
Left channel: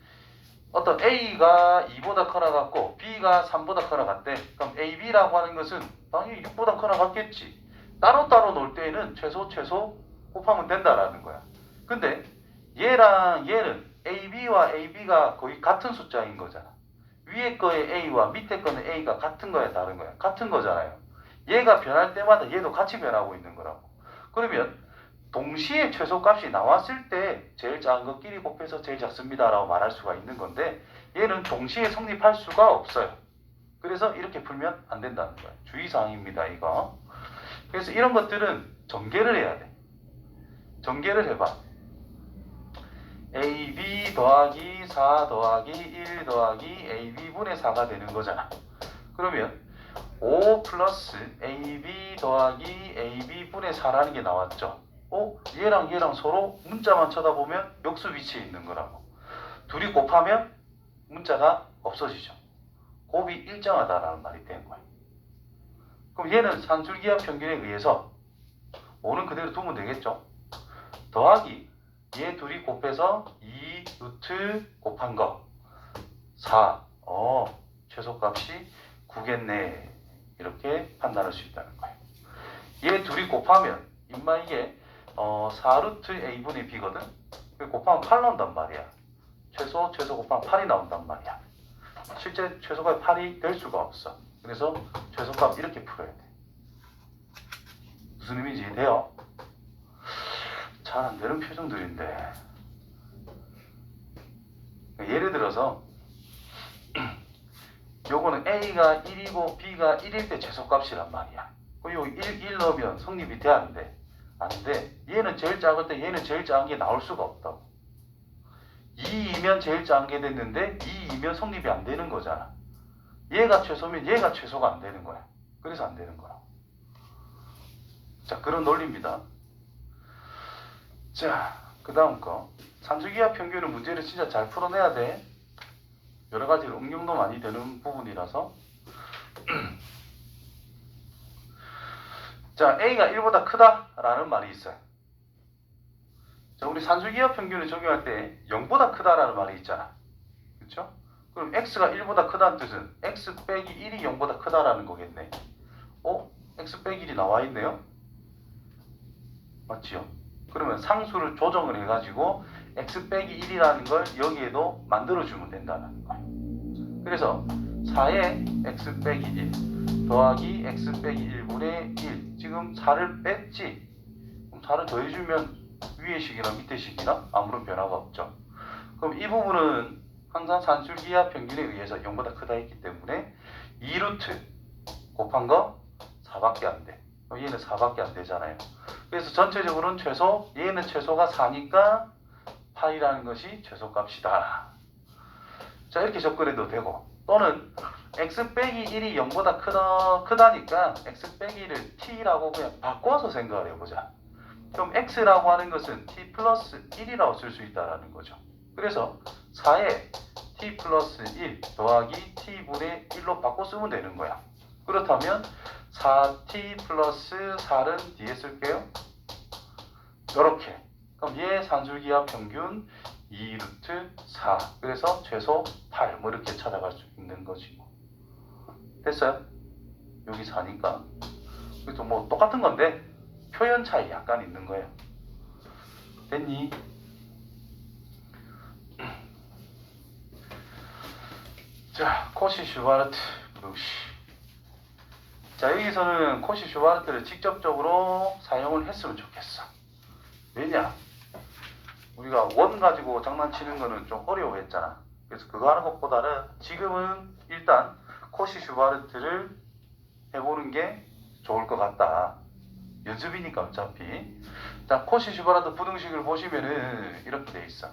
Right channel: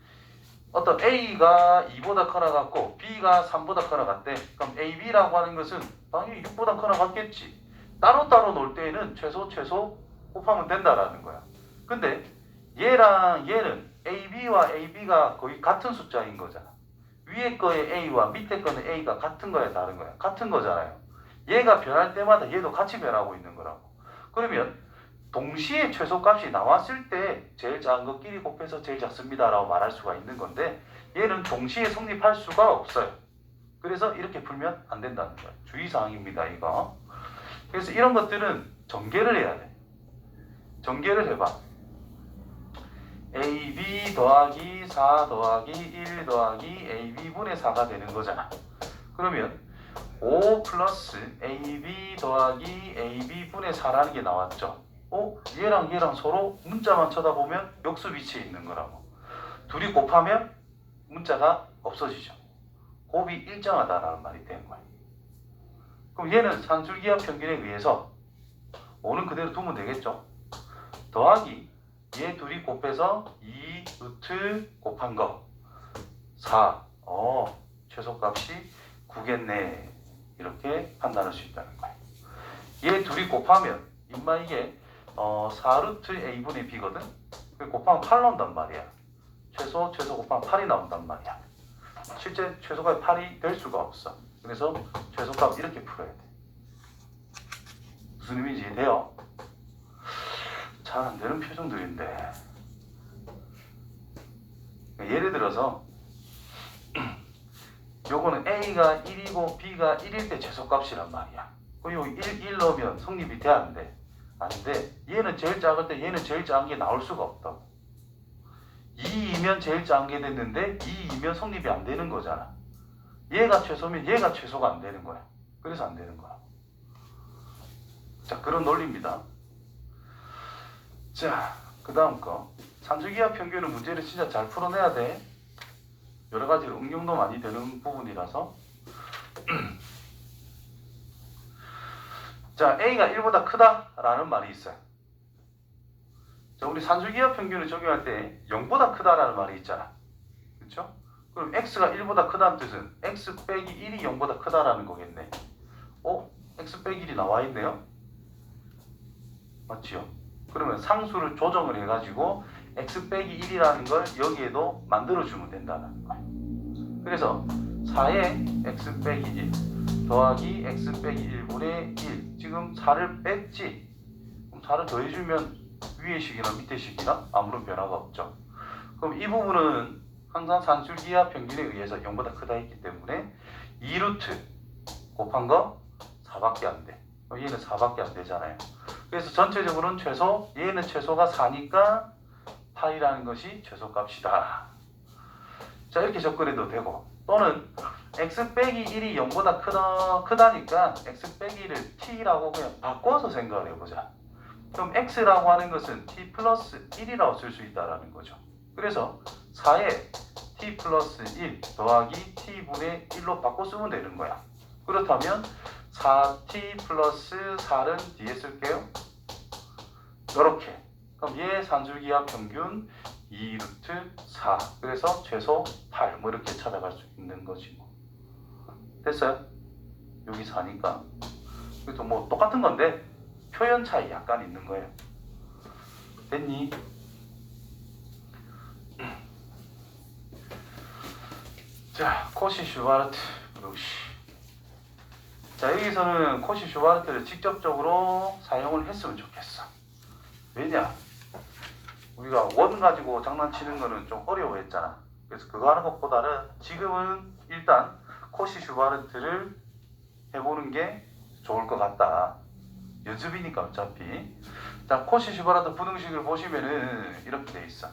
어떤 A가 2보다 커나 같고 B가 3보다 커나 같대. 그럼 AB라고 하는 것은 당연히 6보다 커나 같겠지. 따로따로 놓을 때에는 최소 곱하면 된다라는 거야. 근데 얘랑 얘는 AB와 AB가 거의 같은 숫자인 거잖아. 위에 거의 A와 밑에 거는 A가 같은 거야, 다른 거야? 같은 거잖아요. 얘가 변할 때마다 얘도 같이 변하고 있는 거라고. 그러면 동시에 최소값이 나왔을 때 제일 작은 것끼리 곱해서 제일 작습니다 라고 말할 수가 있는 건데 얘는 동시에 성립할 수가 없어요. 그래서 이렇게 풀면 안 된다는 거예요. 주의사항입니다, 이거. 그래서 이런 것들은 전개를 해야 돼. 전개를 해봐. AB 더하기 4 더하기 1 더하기 AB분의 4가 되는 거잖아. 그러면 5 플러스 AB 더하기 AB분의 4라는 게 나왔죠. 얘랑 얘랑 서로 문자만 쳐다보면 역수 위치에 있는 거라고. 둘이 곱하면 문자가 없어지죠. 곱이 일정하다라는 말이 되는 거예요. 그럼 얘는 산술기하 평균에 의해서 5는 그대로 두면 되겠죠. 더하기 얘 둘이 곱해서 2 루트 곱한 거 4. 최소값이 9겠네. 이렇게 판단할 수 있다는 거예요. 얘 둘이 곱하면 임마 이게 4 루트 A분의 B거든. 곱하면 8 나온단 말이야. 최소 곱하면 8이 나온단 말이야. 실제 최소값이 8이 될 수가 없어. 그래서 최소값 이렇게 풀어야 돼. 무슨 의미인지 이해돼요? 잘 안 되는 표정들인데. 예를 들어서 요거는 A가 1이고 B가 1일 때 최소값이란 말이야. 그리고 1 넣으면 성립이 돼 안 돼? 안 돼. 얘는 제일 작을 때 얘는 제일 작은 게 나올 수가 없다고. 2이면 제일 작은 게 됐는데 2이면 성립이 안 되는 거잖아. 얘가 최소면 얘가 최소가 안 되는 거야. 그래서 안 되는 거야. 자, 그런 논리입니다. 자, 그 다음 거. 산술기하 평균은 문제를 진짜 잘 풀어내야 돼. 여러 가지 응용도 많이 되는 부분이라서. 자, A가 1보다 크다라는 말이 있어요. 자, 우리 산술기하 평균을 적용할 때 0보다 크다라는 말이 있잖아. 그렇죠? 그럼 X가 1보다 크다는 뜻은 X 빼기 1이 0보다 크다라는 거겠네. X 빼기 1이 나와 있네요. 맞지요? 그러면 상수를 조정을 해가지고 X 빼기 1이라는 걸 여기에도 만들어주면 된다는 거예요. 그래서 4에 X 빼기 1 더하기 X 빼기 1분의 1. 지금 4를 뺐지? 그럼 4를 더해주면 위의 식이나 밑의 식이나 아무런 변화가 없죠. 그럼 이 부분은 항상 산술기하 평균에 의해서 0보다 크다 했기 때문에 2루트 곱한 거 4밖에 안 돼. 얘는 4밖에 안 되잖아요. 그래서 전체적으로는 최소, 얘는 최소가 4니까 파이라는 것이 최소값이다. 자, 이렇게 접근해도 되고, 또는 x 빼기 1이 0보다 크다니까 x 빼기 1을 t라고 그냥 바꿔서 생각을 해보자. 그럼 x라고 하는 것은 t 플러스 1이라고 쓸 수 있다는 거죠. 그래서 4에 t 플러스 1 더하기 t분의 1로 바꿔 쓰면 되는 거야. 그렇다면 4t 플러스 4는 뒤에 쓸게요. 이렇게. 그럼 얘 산술기하 평균 2루트 4. 그래서 최소 8. 뭐 이렇게 찾아갈 수 있는 거지 뭐. 됐어요? 여기 4니까. 그래도 뭐 똑같은 건데 표현 차이 약간 있는 거예요. 됐니? 자, 코시 슈바르트 루시. 자, 여기서는 코시 슈바르트를 직접적으로 사용을 했으면 좋겠어. 왜냐? 우리가 원 가지고 장난치는 거는 좀 어려워했잖아. 그래서 그거 하는 것보다는 지금은 일단 코시 슈바르트를 해보는 게 좋을 것 같다. 연습이니까 어차피. 자, 코시 슈바르트 부등식을 보시면은 이렇게 돼 있어.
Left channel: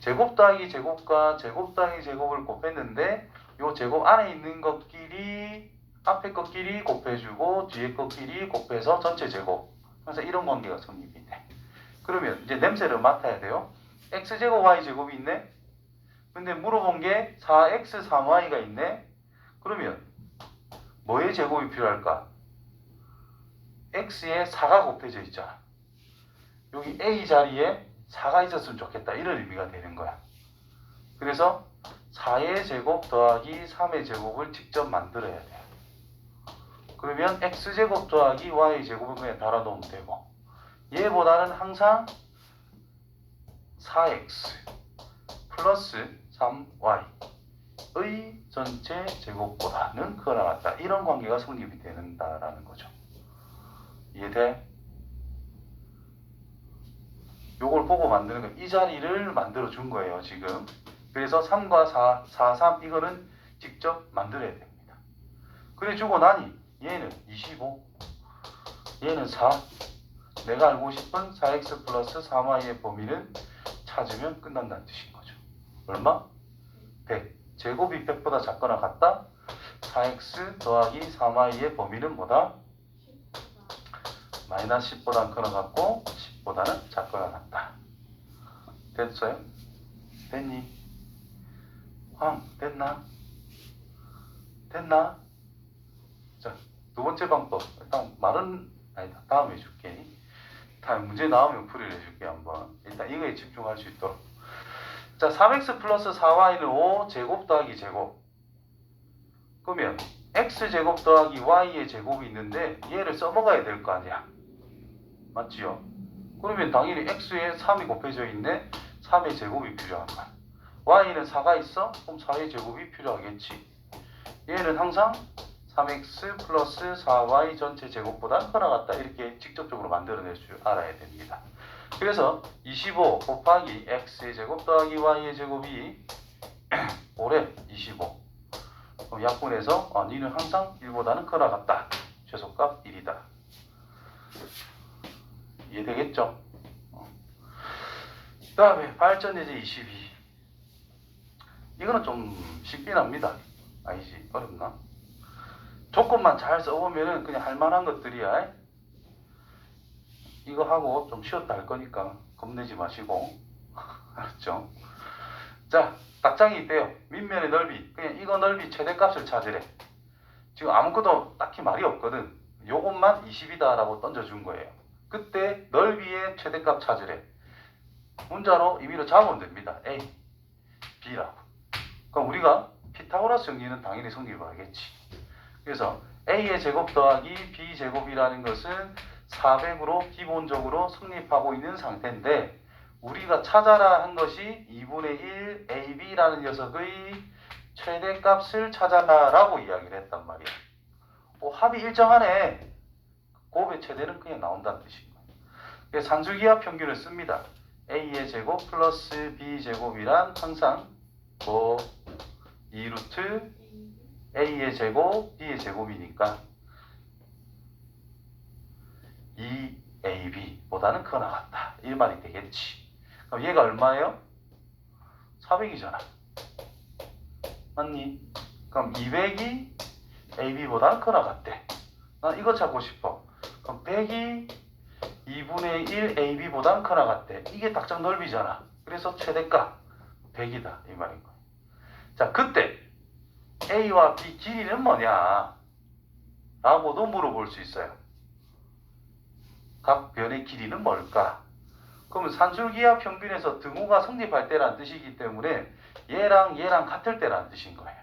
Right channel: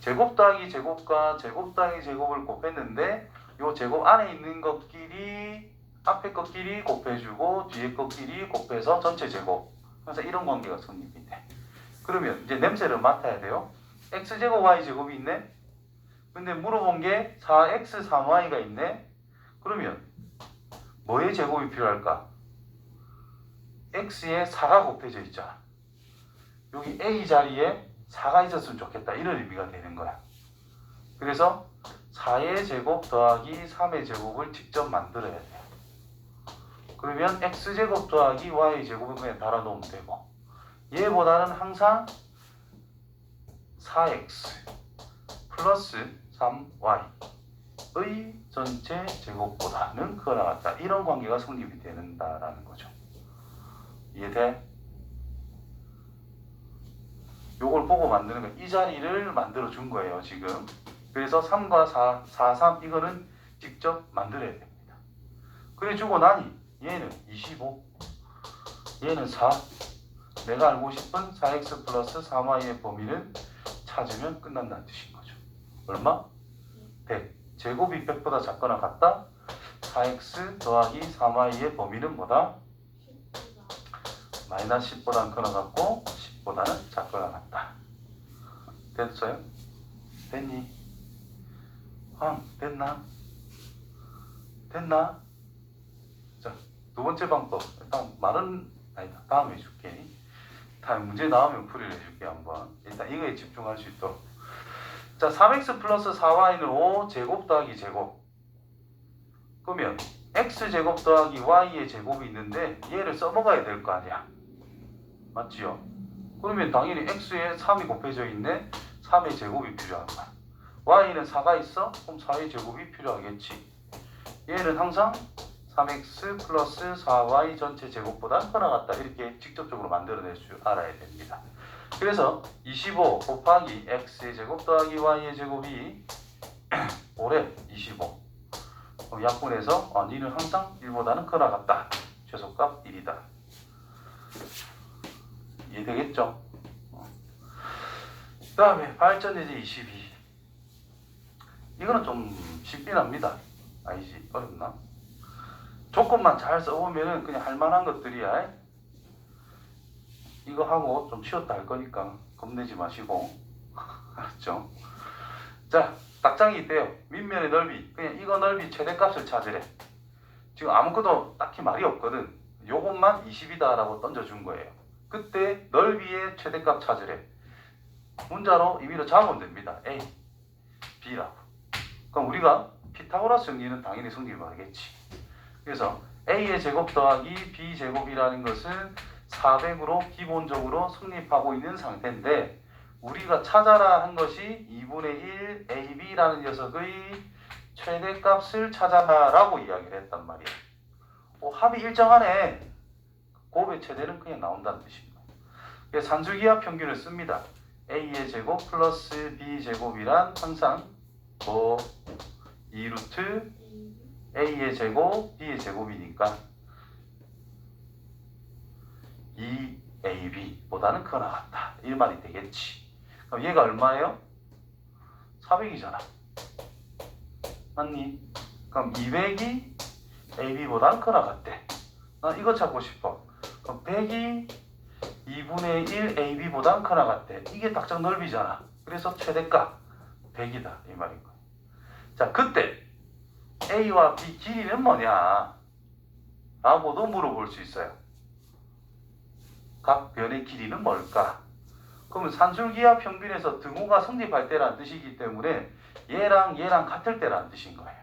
제곱 더하기 제곱과 제곱 더하기 제곱을 곱했는데 요 제곱 안에 있는 것끼리 앞에 것끼리 곱해주고 뒤에 것끼리 곱해서 전체 제곱. 그래서 이런 관계가 성립이 돼. 그러면 이제 냄새를 맡아야 돼요. x제곱 y제곱이 있네. 근데 물어본 게 4x 3y가 있네. 그러면 뭐의 제곱이 필요할까? x에 4가 곱해져 있잖아. 여기 a 자리에 4가 있었으면 좋겠다. 이런 의미가 되는 거야. 그래서 4의 제곱 더하기 3의 제곱을 직접 만들어야 돼. 그러면 x제곱 더하기 y제곱은 그냥 달아놓으면 되고, 얘보다는 항상 4x 플러스 3y의 전체 제곱보다는 크거나 같다. 이런 관계가 성립이 된다라는 거죠. 이해돼? 요걸 보고 만드는 거, 이 자리를 만들어 준 거예요, 지금. 그래서 3과 4, 4, 3 이거는 직접 만들어야 됩니다. 그래 주고 나니 얘는 25, 얘는 4. 내가 알고 싶은 4x 플러스 3y의 범위는 찾으면 끝난다는 뜻인 거죠. 얼마? 100. 제곱이 100보다 작거나 같다? 4x 더하기 3y의 범위는 뭐다? 마이너스 10보다는 크거나 같고 10보다는 작거나 같다. 됐어요? 됐니? 됐나? 됐나? 자, 두 번째 방법. 일단 말은 아니다. 다음에 해줄게. 다음 문제 나오면 풀이를 해줄게 한번. 일단 이거에 집중할 수 있도록. 자, 3x 플러스 4y는 5 제곱 더하기 제곱. 그러면 x 제곱 더하기 y의 제곱이 있는데 얘를 써먹어야 될 거 아니야. 맞지요? 그러면 당연히 x에 3이 곱해져 있네. 3의 제곱이 필요한 거야. y는 4가 있어? 그럼 4의 제곱이 필요하겠지. 얘는 항상 3x 플러스 4y 전체 제곱보다 크거나 같다. 이렇게 직접적으로 만들어낼 줄 알아야 됩니다. 그래서 25 곱하기 x의 제곱 더하기 y의 제곱이 5래 25. 그럼 약분해서 니는 항상 1보다는 크거나 같다. 최소값 1이다. 이해되겠죠? 그 다음에 발전 예제 22. 이거는 좀 쉽긴 합니다. 아니지? 어렵나? 조건만 잘 써보면은 그냥 할만한 것들이야. 이거 하고 좀 쉬었다 할 거니까 겁내지 마시고. 알았죠? 자, 답장이 있대요. 밑면의 넓이. 그냥 이거 넓이 최대값을 찾으래. 지금 아무것도 딱히 말이 없거든. 요것만 20이다 라고 던져준 거예요. 그때 넓이의 최대값 찾으래. 문자로 임의로 잡으면 됩니다. A, B라고. 그럼 우리가 피타고라스 정리는 당연히 성립을 하겠지. 그래서 A의 제곱 더하기 B 제곱이라는 것은 400으로 기본적으로 성립하고 있는 상태인데, 우리가 찾아라 한 것이 2분의 1 AB라는 녀석의 최대값을 찾아라 라고 이야기를 했단 말이야. 합이 일정하네. 곱의 최대는 그냥 나온다는 뜻입니다. 그래서 산술기하 평균을 씁니다. a의 제곱 플러스 b 제곱이란 항상 뭐 2루트 a의 제곱 b의 제곱이니까 2ab보다는 크거나 같다. 이 말이 되겠지. 그럼 얘가 얼마예요? 400이잖아. 맞니? 그럼 200이 ab보다는 크거나 같대. 난 이거 찾고 싶어. 그럼 100이 2분의 1 ab보다는 크거나 같대. 이게 닥장 넓이잖아. 그래서 최대가 100이다. 이 말인 거야. 자, 그때 a와 b 길이는 뭐냐? 라고도 물어볼 수 있어요. 각 변의 길이는 뭘까? 그러면 산술기하 평균에서 등호가 성립할 때란 뜻이기 때문에 얘랑 얘랑 같을 때란 뜻인 거예요.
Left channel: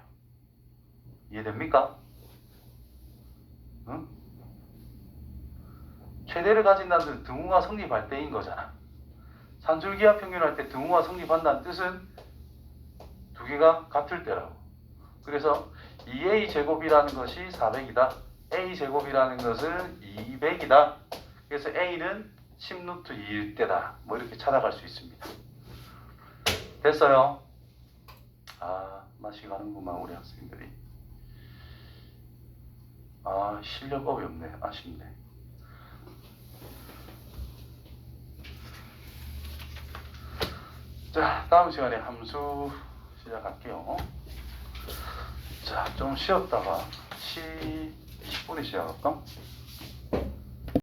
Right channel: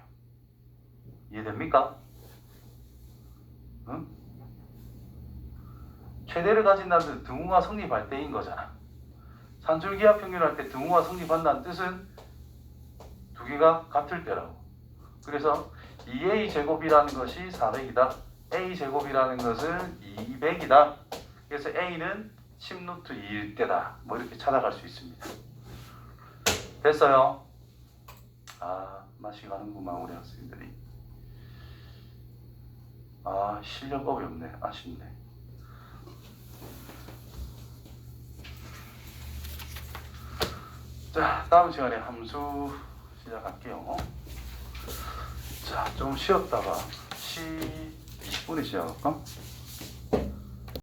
이해됩니까? 응? 최대를 가진다는 뜻은 등호가 성립할 때인 거잖아. 산술기하 평균할 때 등호가 성립한다는 뜻은 두 개가 같을 때라고. 그래서 2a 제곱이라는 것이 400이다. a 제곱이라는 것은 200이다. 그래서 a는 10루트 2일 때다. 뭐 이렇게 찾아갈 수 있습니다. 됐어요? 아, 맛이 가는구만 우리 학생들이. 아, 실력업이 없네. 아쉽네. 자, 다음 시간에 함수 시작할게요. 자, 좀 쉬었다가 10분에 시작할까?